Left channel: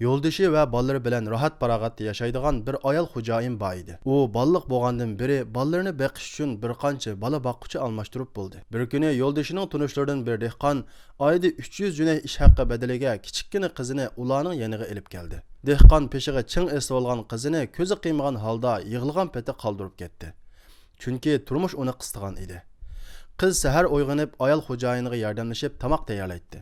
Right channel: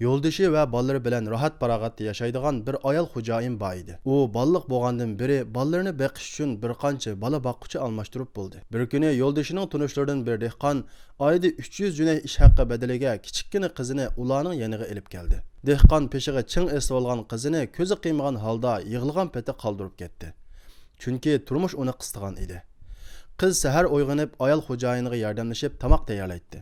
Yo'ldoshi va bolalari bilan rohat farog'atda yashaydigan bir ayol xo'jayin bor edi. U balliq bo'lgandan beri bolalarini beqish uchun bir qancha bola boqquchi almashtirib bo'ldi. Bir kuni yo'ldoshining tunishlaridan bir dehqon oyda 300 junay ish haqqi badaliga kichikkina qizini ularning yoniga olib keldi. Dehqon peshiga ching esib olgan qizini ko'zi qiymagan holda yig'ilgan peti qoldirib ketdi. Chunki turmush uni qistigan edi. Qiz sahar uyg'onib ayol xo'jayiniga yordamlashib tamoq tayyorlaydi.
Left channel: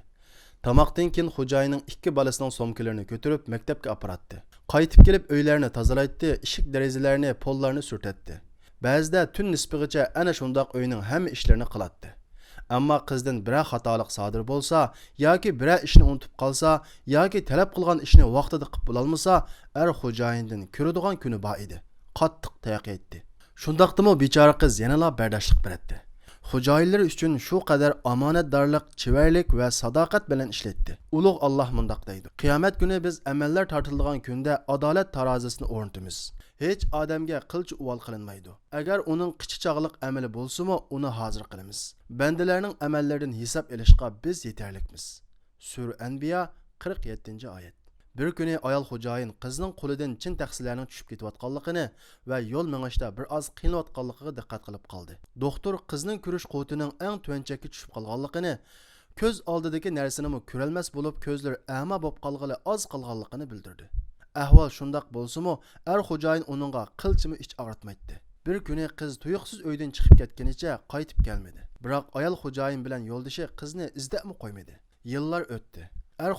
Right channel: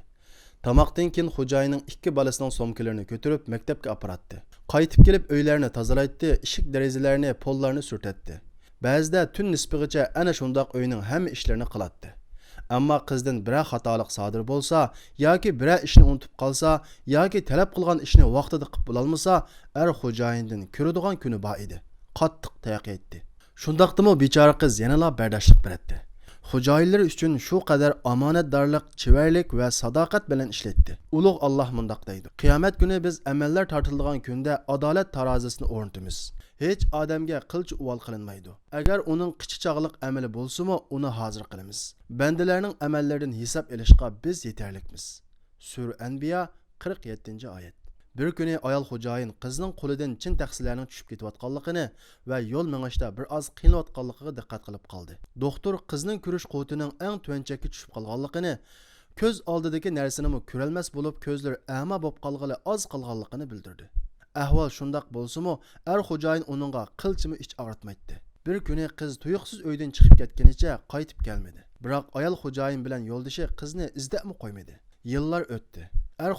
Tamoqdan keyin xo'jayinning ikki bolasining somkalarini ko'tarib maktabga aparatdi. Qaytib kelib uylarni tozalaydi, eshik derazalarni, pollarni surtatdi. Ba'zida tun nisbigacha ana shundoq uyning hamma ishlarini qilatdi. Ammo qizdan biror xatolik sodir bo'lsa, yoki biror ishni unutib qolsa, yoki talab qilgan ishni vaqtida qilib bo'lolmasa, xo'jayindan ko'radigan kuni bor edi. Qattiq tayoq yetdi. Shundaqdimi bechora qiz yanala bardoshlik berdi. Xo'jayinlar uchun shu qadar omonatdorlik, chivarlik va sadoqat bilan ishlatdi. Ulug' Alloh mundaq deydi: Qiyomat kuni biz amallar tortiladigan kunda adolat tarozisini o'rnatamiz. Hech odamga qilch uvol qilinmaydi. Agar uning qichi chog'liq amali bo'lsa-mu, uni hozir qilamiz. Bandalarning amallaridan hisob olishga biz yetarlikmiz. Sura Anbiya 47-oyat. Bir kuni ayol xo'jayin qizning qo'lidan chin taxsilarning tushib ketayotganligini va yo'l mengishda bir oz qiynayotganligiga diqqat qilib qoldi. Doktor qizning ko'rish quvvatining eng tuvanchakka tushib qolganligini, ko'z oldidagi narsani ko'rolmas bo'lib, ko'zlari ama bo'lib qolg'ili oz qolganligini bildirdi. Ahvol shundoq bo'lsa-mu, xo'jayin uningga qilchimi ich og'ritmaydi. Bir kuni qiz tuyuqsiz uydan chiqib ketganicha qaytib kelmadi. Biroq ayol xo'jayin bilan yo'ldoshi qizni izdabmi qo'ymadi. Yillar o'tdi.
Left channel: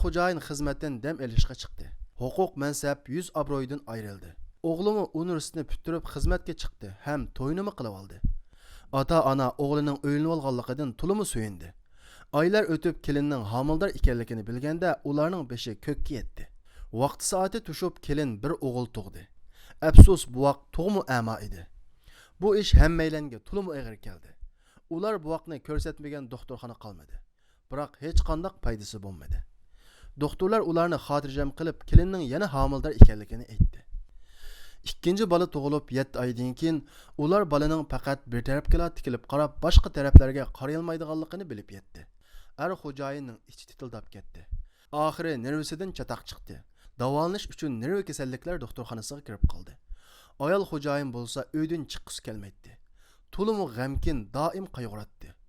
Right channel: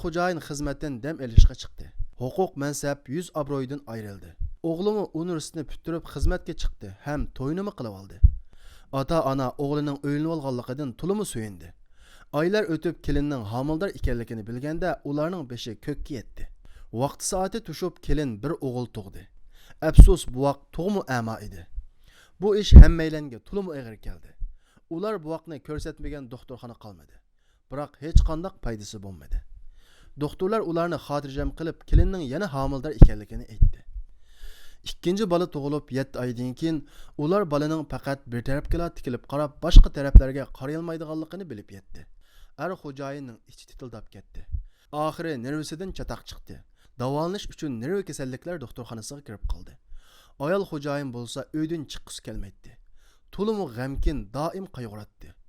Xo'jayin xizmatdan dam olishga chiqdi. Huquq mansab yuz obro'yidan ayrildi. O'g'limi universitetni bitirib xizmatga chiqdi ham to'yini qilib oldi. Ota-ona o'g'lining uylanib olganligidan to'limi suyundi. Oylar o'tib kelinning homildor ekanligini bilganda ularning beshi ko'kka yetdi. Vaqt soati tushib kelin bir o'g'il tug'di. Afsus bu vaqt tug'mi ama edi. Bu ish hammaylarga to'limi og'ir keldi. Ular bu vaqtni ko'rsatmagan doktorxona qolmadi. Biroq hech qanday foydasi bo'lmadi. Doktorlar ularni xotirjam qilib, kelinning yana homildor ekanligini aytdi. Ikkinchi bola tug'ilib 7 oydan keyin ular bolaning faqat bir tarafga tikilib qarab, boshqa taraflarga qaray olmaydiganligini bilib yetdi. Xo'jayinning ichi titildab ketdi. Oxiri nervisidan chatoq chiqdi. Davolanish uchun nerv kasalliklar doktorxonasiga kirib qoldi. Ayol xo'jayin bo'lsa uydan chiqqisi kelmaydi. To'limi g'amkin, doim qayg'uratdi.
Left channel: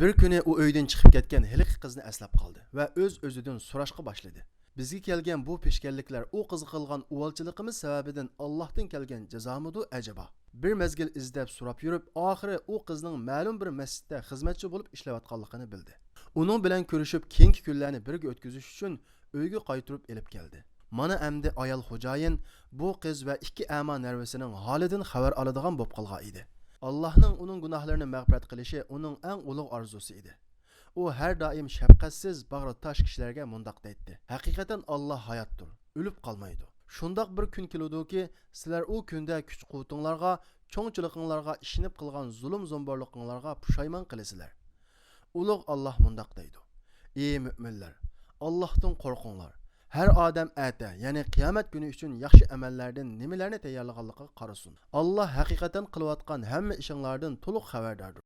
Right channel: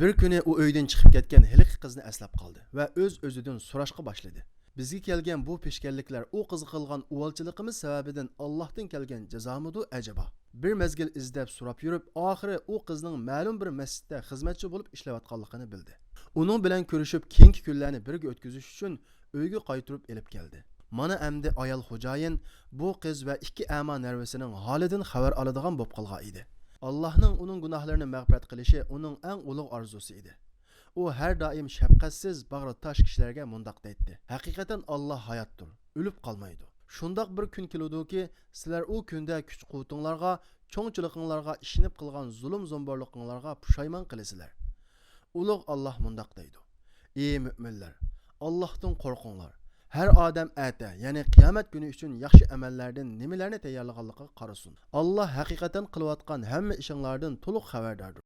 Bir kuni u uydan chiqib ketgan hiliq qizni eslab qoldi va o'z-o'zidan so'rashga boshladi. Bizga kelgan bu peshkanliklar u qizga qilgan uvalchiligimiz sababidan Allohdan kelgan jazomidu ajaba? Bir mezgil izlab so'rab yurib, oxiri u qizning ma'lum bir masjidda xizmatchi bo'lib ishlayotganligini bildi. Uning bilan ko'rishib, keyingi kunlarni birga o'tkazish uchun uyga qaytirib elib keldi. Mana endi ayol xo'jayin bu qiz va ikki ama nervisining holidan xabar oladigan bo'lib qolgan edi. Allohning uning gunohlarini mag'firat qilishi uning eng ulug' orzusi edi. U har doim shafqatsiz, bag'ri tosh kishilarga mundaq deydi: Haqiqatan Alloh hayotdir, o'lib qolmaydi. Shundoq bir kun keludiki, sizlar u kunda kuch-quvvatinglarga, cho'ngchiliginglarga ishinib qilgan zulm-zomborliqinglarga pushaymon qilasizlar. Ulug' Alloh mundaq deydi: Ey mu'minlar, Allohdan qo'rqinglar. Her odam ata, ya'ni qiyomat kuni uchun yaxshi amallardan nimalarni tayyorlaganligiga qarasin. Alloh haqiqatan qilayotgan hamma ishinglardan to'liq xabardordir.